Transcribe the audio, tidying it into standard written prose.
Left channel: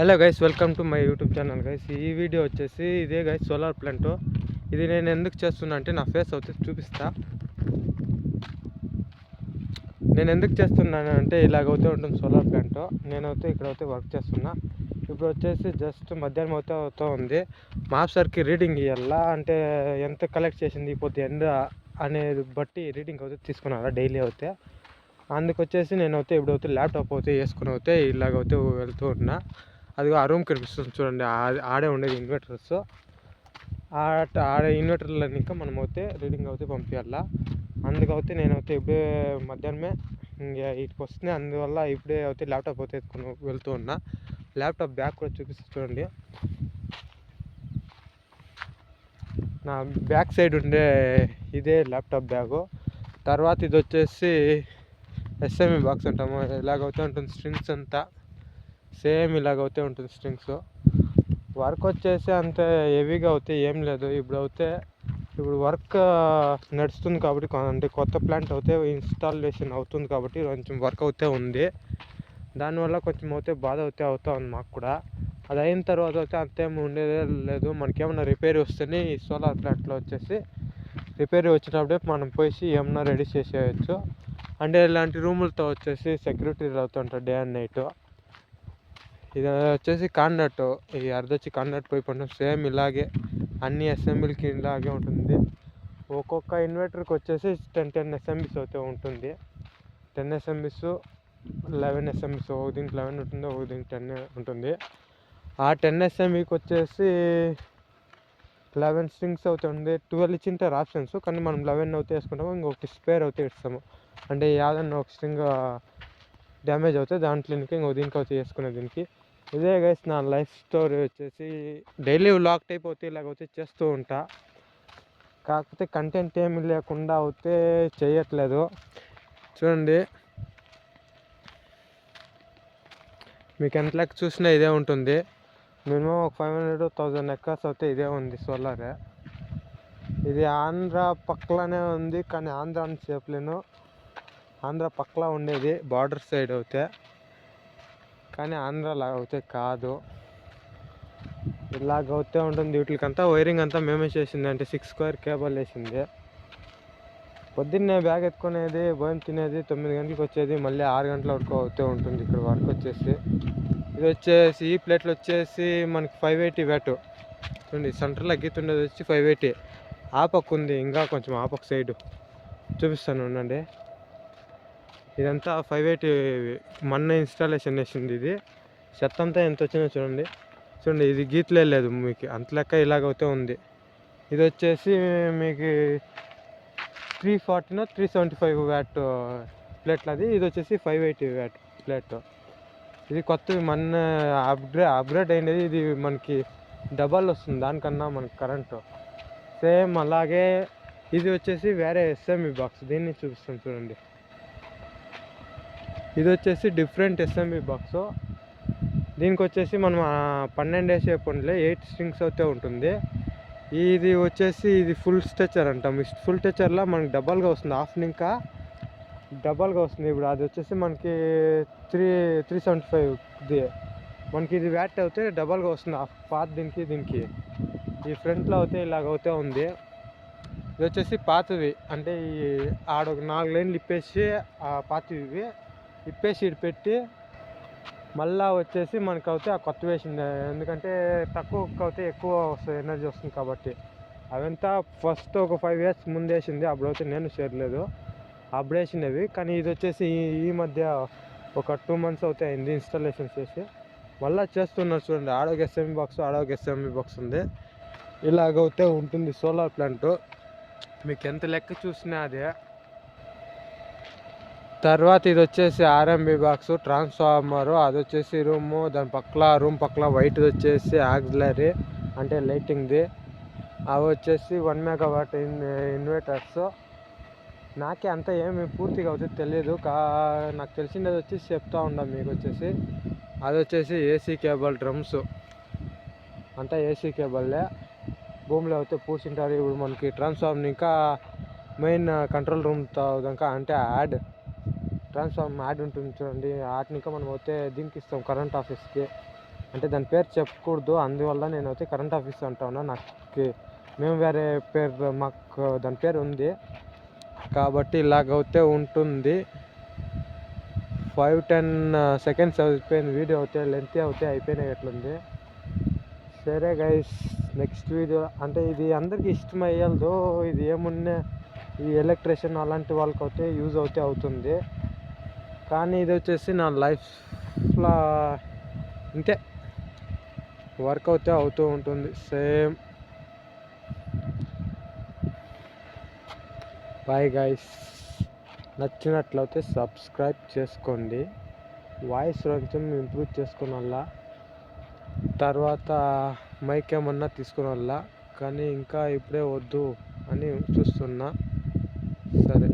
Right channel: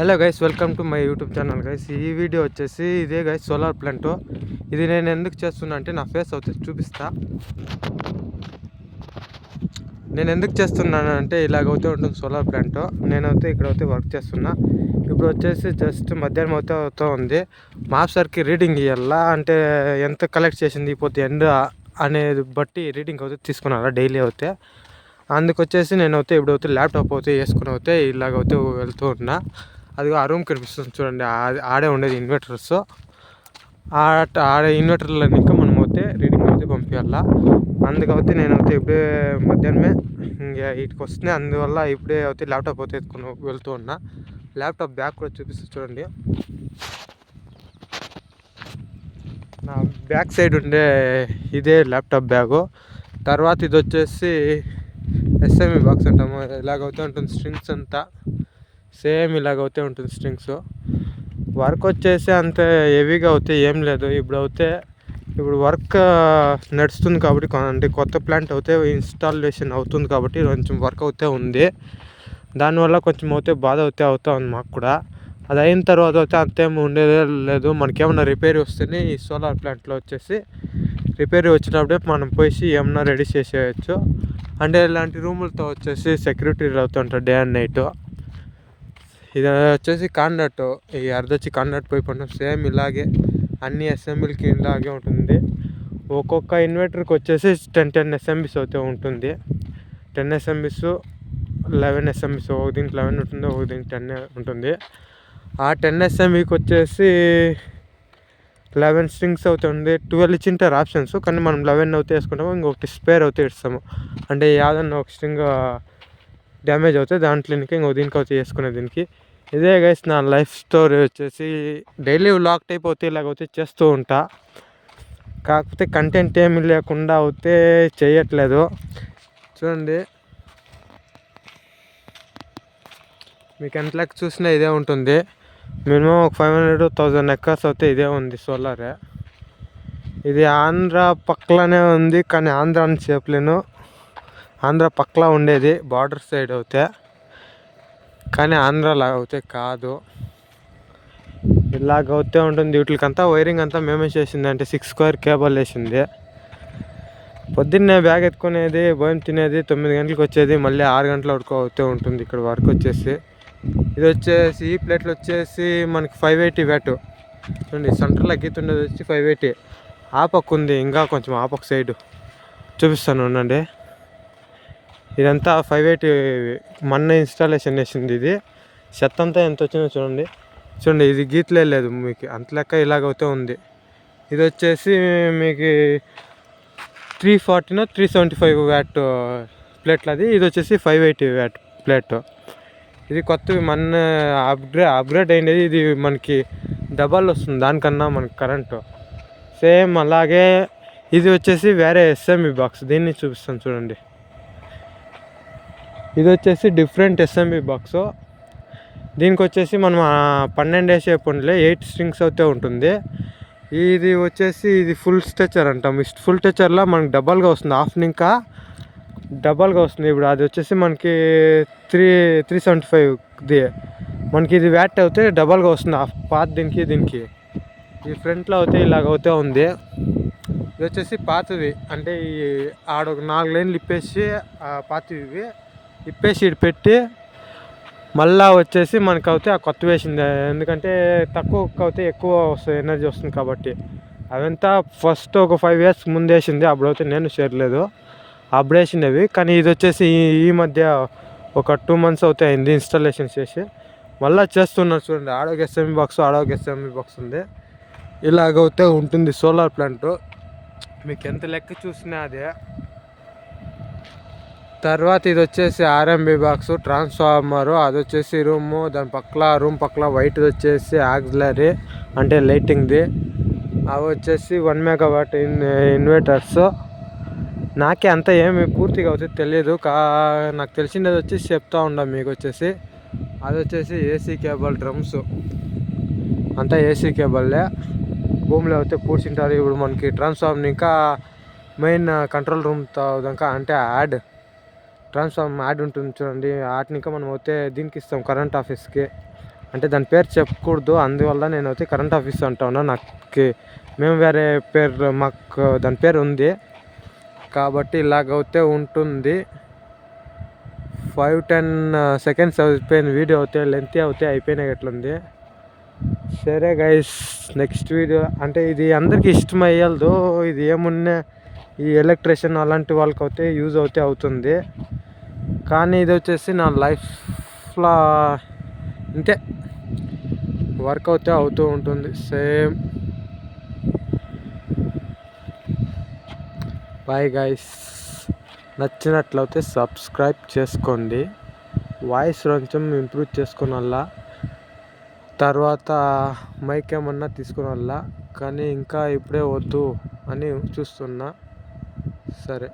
Hello guys, welcome to my YouTube channel guys. ఈ video వచ్చేసి ఇదే గైస్, సోలార్ ప్లాంట్. ఇది నేను ఎందుకు చేస్తున్నా అంటే నా ఫేస్ అవుతే చూపిస్తా. నేను ఎందుకు చేస్తున్నాను అంటే ఇలాగైతే ఉంటుంది సోలార్ ప్లాంట్. నేనైతే ఇక్కడైతే వర్క్ చేస్తున్నా. ఇప్పుడు వచ్చేసి జస్ట్ మధ్యాహ్నం అవుతా ఉంది. మాప్సర్కి రీడింగ్ ఇవ్వాలా అంటే ఎంత కలెక్ట్ చేసింది ఇప్పుడు ఎండ్ అనేది బట్టి రీడింగ్ అయితే తీసుకున్నారా డైలీ అయితే. అందుకొచ్చేసి నేనైతే ఇప్పుడైతే ల్యాప్టాప్ అయితే వేసుకుని అయితే ఇలాగైతే వెళ్తూ ఉన్నా. అది ఆ రూమ్ కనిపిస్తుంది చూడండి, ఆడే ఉండేది ఇన్వర్టర్స్. ఆడే ఇన్వర్టర్లో ఇంకా మనం అయితే రీడింగ్ అయితే పంపించాలా. అందుకైతే నేనైతే ఇప్పుడే మధ్యాహ్నమే ఇంకా ఇటుకు వస్తున్నాయి. అందువల్ల ఇప్పుడే అయితే ల్యాప్టాప్ అయితే ఎత్తుకుని వెళ్తూ ఉన్నా. ల్యాప్టాప్ బ్యాగ్ కూడా చూపిస్తూ చూడండి. నా బ్యాక్ సైడ్ ఉండే ఇదే ల్యాప్టాప్ బ్యాగు. తర్వాత ఇది వచ్చేసి ఎస్ఎంఈ బాక్స్ అంటాము. ఇలాగైతే ఉంటుంది స్ట్రింగ్స్ అంతా సేమ్ ఇలాగైతే ఉంటుంది స్ట్రింగ్స్. వర్క్ వచ్చేసి అంత హెవీగా అవుతే ఏం లేదు. ఇప్పుడు వర్క్ నడుస్తుంది కాబట్టి, అంటే కొత్త ప్లాంట్ అయితే ఇన్స్టాలేషన్ అవుతుంది కాబట్టి కొంచెం వర్క్ అవుతే ఉంది. దానివల్ల కొంచెం అయితే బాధ అవుతా ఉంది మాకు కూడా. అది అయిన తర్వాత అయితే అంతేం ఉండేదే లేదు. మనకేమన్నా రిపేర్ వస్తేనే ఈ సోలార్ ప్లాంట్లో వచ్చేసి రిపేర్ వచ్చినప్పుడే మనం పోయి ఏమన్నా రెడీ చేసేయచ్చు. అంటే ఇలాంటి రూములతో వచ్చేసి సెక్యూరిటీ అవుతుంటారు డే అండ్ నైట్. ఇది వచ్చేసి కాండట్, ఈ అర్ధొచ్చి కాండట్ పైప్ ఉంటుంది. సేమ్ ఇలాగే అన్ని అసెంబ్లీకి ఇలాగే ఉంటుంది. ఒక్కొక్క ఇన్వర్టర్కి వచ్చేసి 10 ఎస్ఎంబీస్ అయితే ఉంటుంది. 10 ఎస్ఎంబీస్, 11 ఎస్ఎంబీస్. ఒక దీనికి 11 ఉంటుంది, ఒక దీనికి 10 ఉంటుంది. ఆ 10 ఎస్ఎంబీకి వచ్చేసి 11 స్ట్రింగ్స్ అవుతుంది. 12 ఇచ్చింటారు ఆప్షన్స్, కానీ మనం 11 అయితే వేసుకుంటాము. ఇంకొకటి స్పేర్ అయితే ఇస్తాము. అంటే ఏదన్నా ఒక స్ట్రింగ్ డ్యామేజ్ అవుతాయి దాంట్లో ఇంకో దీనికి అయితే వేసుకునే దీనికి. ఇదే గైస్ నా లైఫ్ స్టోరీ వచ్చేసి. డైలీ వ్లాగ్ టైప్ అయితే ఇలాగైతే చేస్తూ ఉంటా. కాకపోతే కంటెంట్ ఏమి లేకుండా అయితే చేయట్లేదు. చూడండి, మీకు ఎంత లెక్క చూసినా ఇదే ఉంటుంది. మినిమం ఒక 500-1000 ఎకర్స్ అయితే ఇదే ఉంది సోలారే. ఇది ఆంధ్ర పక్కలోనే ఉంది, కానీ ఆంధ్ర అని చెప్పలేను. ఆంధ్ర పక్కలా ఉండేది బార్డర్ సైడ్ అవుతే, కానీ ఆంధ్రలా అయితే కాదు. ఇలాగైతే ఉంటుంది. వీటికంతా వైరింగ్ అంతా మేమే చేసింది. అంటే 6 స్క్వేర్ కేబుల్ వేసింది. పొద్దున్నే బ్యాగ్ ఎత్తుకునేది, భోజనం తినేది, 9 గంటలకు వచ్చేది, మళ్ళీ 6 గంటల వరకు అవుతూ ఉంటుంది ఇక్కడ వర్క్ వచ్చేసి. ఇది వచ్చేసి ఈ ప్లేట్లు వచ్చేసి మనకి 580 వ్యాట్. చూడండి, సెంటర్లో గీతుండేది వచ్చి 580. ఆ పక్క ఉంది, ఇంకా కొంచెం ఆ పక్క సైడ్ చూపిస్తాను ఉండండి. ఇదంతా 580 మొన్న ఇన్స్టాలేషన్ చేసింది. ఇది చెత్త అంతా ఎంత వచ్చిందో చూడండి. ఇది గీతలే లేదు మీకు, అంత లెక్క ఇలాగైతే ఉంది. ఇది వచ్చేసి మీకు 340-375 వ్యాట్ ప్లేట్లు. ఇది వచ్చేసి 580 వ్యాట్ ప్లేట్. ఇది కొత్తవి మొన్న అప్గ్రేడ్ అయినది. ఇది మనకి డబల్ వస్తుంది దానికన్నా మనకి కరెంటు. సేమ్ అలాగే ఇది వచ్చేసి వేరే ఎస్ఎంఈ బాక్స్. దీన్ని చూపిస్తాను చూడండి. ఇది వచ్చేసి డిఫరెంట్ ఎస్ఎంఈ బాక్స్. దీనికి వచ్చేసి మనం 12 వేసే పండ్లే 8 స్ట్రింగ్స్ అయితే ఉంటుంది. ఇది వచ్చేసి ఇది ఫుల్ స్ట్రెచర్ అంటాం. ఫుల్ స్ట్రెచర్లో మనకి డబల్గా వస్తుంది. హాఫ్ ఇంకా డబల్గా వస్తుంది. ఇప్పుడు అది వచ్చేసి మనకి 375ది. మనకి ఇది వ్యాట్ అయితే డబల్గా వస్తుంది. హాఫ్ పాత దీనికి ఈ ఫ్రంట్లో అయితే ఇలాగైతే ఉంది. ఇది వచ్చేసి పాతది. అంటే ఈ ఆడొక 4 లైన్లు ఇప్పేసి ఆ పాతవి ఇప్పేసి ఇటు పెట్టి మళ్ళా వచ్చేసి మనకైతే ఆ కొత్త వేసింది. ఎందుకంటే తక్కువ అయితే ఎక్కువ వస్తుంది, ఎనర్జీ వస్తుంది కాబట్టి. అవంతా ఫస్ట్ ఒక 5 years ముందు వేసింది. అప్పుడైతే నేను చేరలేదు, అప్పుడు వేసినవి. కానీ ఇది వచ్చేసి ఈ మధ్య ఒక 2 months అయితే అయింది ఇన్స్టాలేషన్ చేసి. మళ్ళీ చేస్తున్నారు చూడండి. ఆడొక ఎస్ఎంఈ బాక్స్, ఆడొక ఎస్ఎంఈ బాక్స్ ఉంది. ఇలాగైతే ఉంటుంది సోలార్ ప్లాంట్. మీకు ఎంత లెక్క చూసినా అదే. తర్వాత ఇది వచ్చేసి ఆర్ఎంబి బాక్స్, ట్రాన్స్ఫార్మరు. అది వచ్చేసి రూము, దాని రూమ్ పక్కల వైట్ది వచ్చేసి ఆక్సిలరీ అంటే లైటింగ్ది. అవి వచ్చేసి 1 megawatt ఇన్వర్టర్స్. నాకే అంత ఏమి పూర్తిగా వచ్చి తెలియదు. నాకు తెలిసింది వచ్చేసి చెప్తా ఉండ మీకు వచ్చేసి. అది వచ్చేసి ఏసీ కేబుల్ డ్రమ్స్ అంతా ఏసీ కేబుల్లే. భూమిలో అయితే పూడ్చింటారు. ఇప్పుడు మనకి ట్రాన్స్ఫార్మర్ ఇంకా మెయిన్ కంట్రోల్ రూమ్ దాకా అంటే ట్రాన్స్ఫార్మర్ యాడ్ ఉంటుంది చూడండి. వాటిని ఇంకా మనం అయితే దీనికి ఇస్తాం కరెంట్ ఆఫీస్కి. అంటే దాని పేరు చెప్పకూడదు, అందువల్ల నేనైతే కరెంట్ ఆఫీస్ అంటా ఉన్నా. నాకు మేము వేరే పేరు, మాకు దాని పేరు ఉంది కాబట్టి ఇలాగైతే ఉంటుంది. 5-10 సెకండ్స్ అయిపోయింది వీడియో, అయితే లెంత్ అయితే అయిపోయినట్లుంది. సరే గైస్, నెక్స్ట్ వీడియో అంటే ఇది అందరికీ ఇష్టమయ్యదు, ఇది ఏమున్నా ఈ ఎలక్ట్రీషియన్ అలాంటి వాళ్ళకి అయితే యూజ్ అయితే అవుతుంది. కానీ ఇది వచ్చేసి నా లైఫ్లో ఇంతే వర్క్ అయితే అవుతూ ఉంటుంది సేమ్. బాయ్ గైస్, నచ్చినట్లయితే సబ్స్క్రైబ్ చేసుకోండి. వాయిస్ కొంచెం ఇంప్రూవ్ చేసుకోనల్లా, తర్వాత మైక్ ఏమన్నా తీసుకునల్లా, కానీ ఇంకా ఇప్పుడే వద్దు అని చూస్తున్నా. సరే.